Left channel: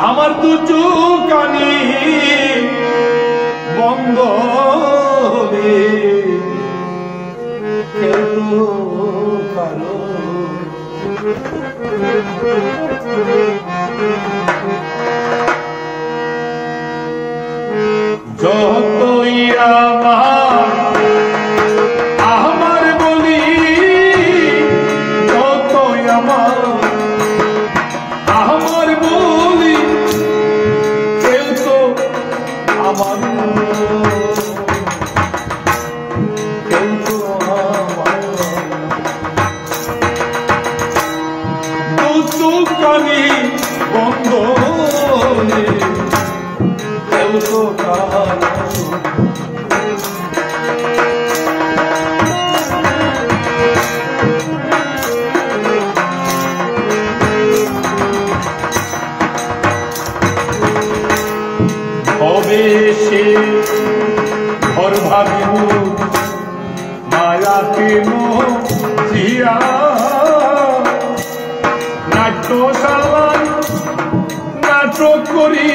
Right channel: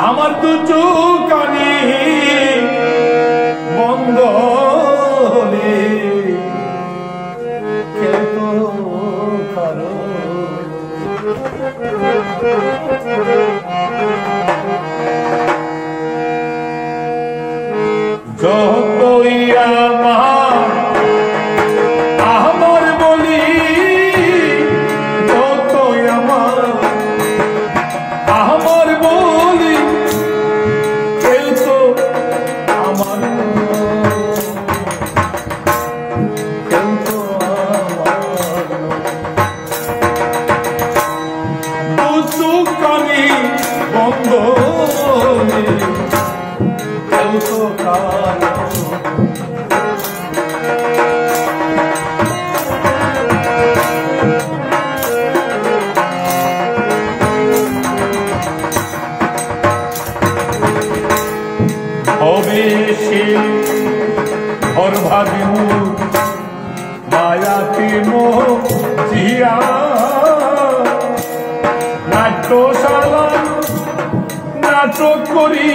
আমার দু চোখানি বন্ধ হলে কেউ কারো যতই আমার বলি যতই আমার বলি কেউ তো আমার কেউ তো আমার দুচোখানি বন্ধ হলে কেউ তো কারো হবে সে ঘর ভাবিব মায়াতে মজিয়া নাট্যশালায় নাটক করি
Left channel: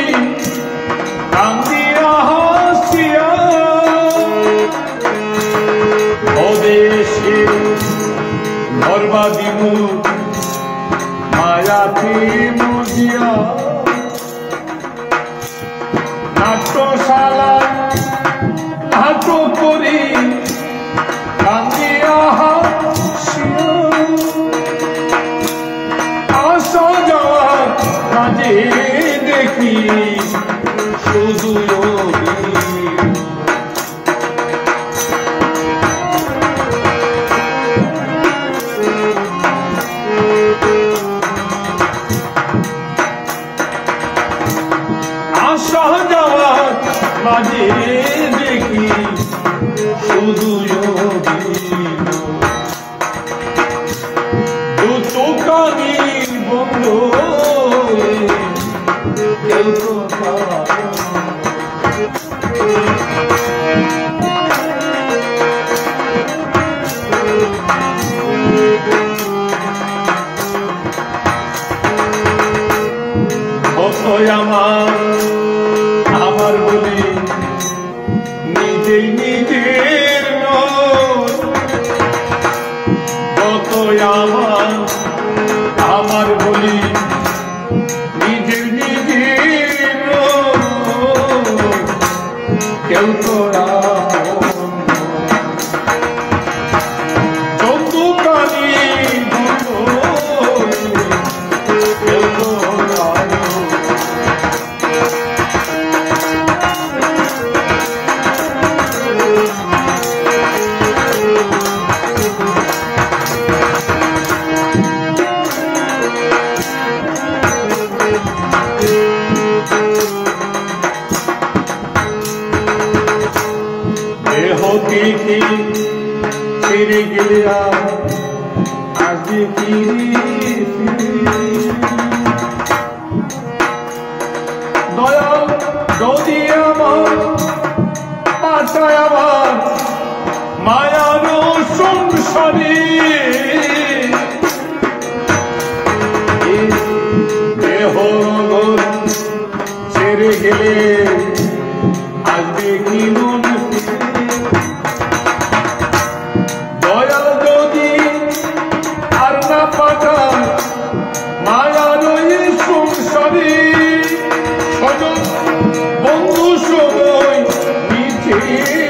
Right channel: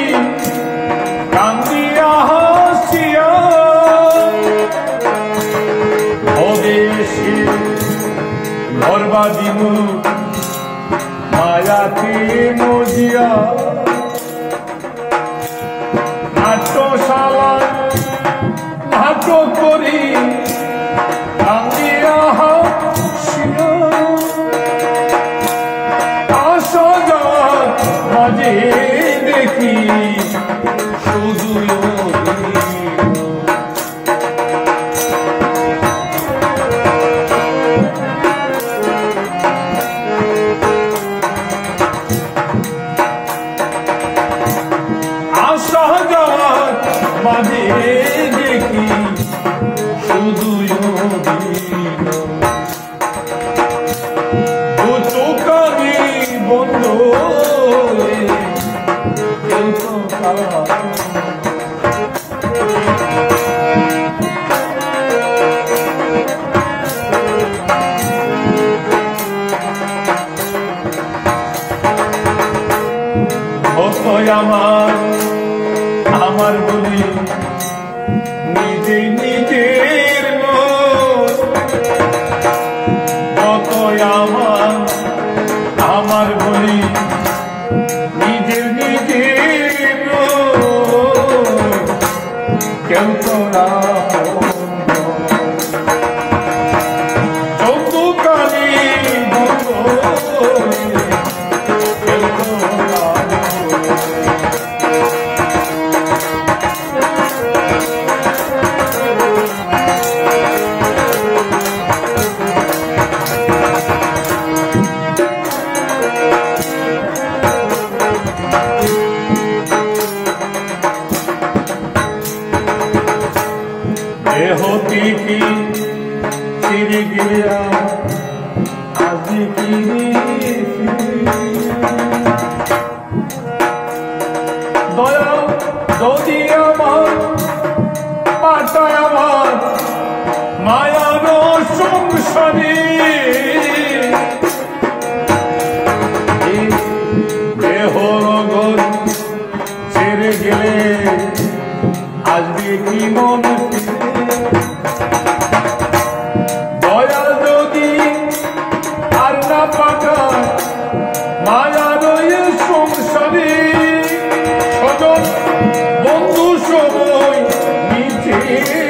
কান্দিয়া হাসিয়া হবে সে ঘর ভাবিব মায়াতে মজিয়া নাট্যশালায় নাটক করি কান্দিয়া হাসিয়া আসা যাওয়ার মাঝে দেখি শুধু আসা যাওয়ার মাঝে দেখি শুধু দু চোখানি বন্ধ আমার বলি নিজেই নিজের কত আমার বলি নিজের নিজের কেউ তো যতখানি বন্ধ কেউ তো হতিটি ফিরে গেলে আজ দয়া যদি আমার পাতায় আমার মায়ার সংসারে দেহ ছেড়ে গেলে আসবে কি মন দয়া যদি আর না পাঠায় মায়ার সংসারে স্বজন বন্ধু সময় নিচে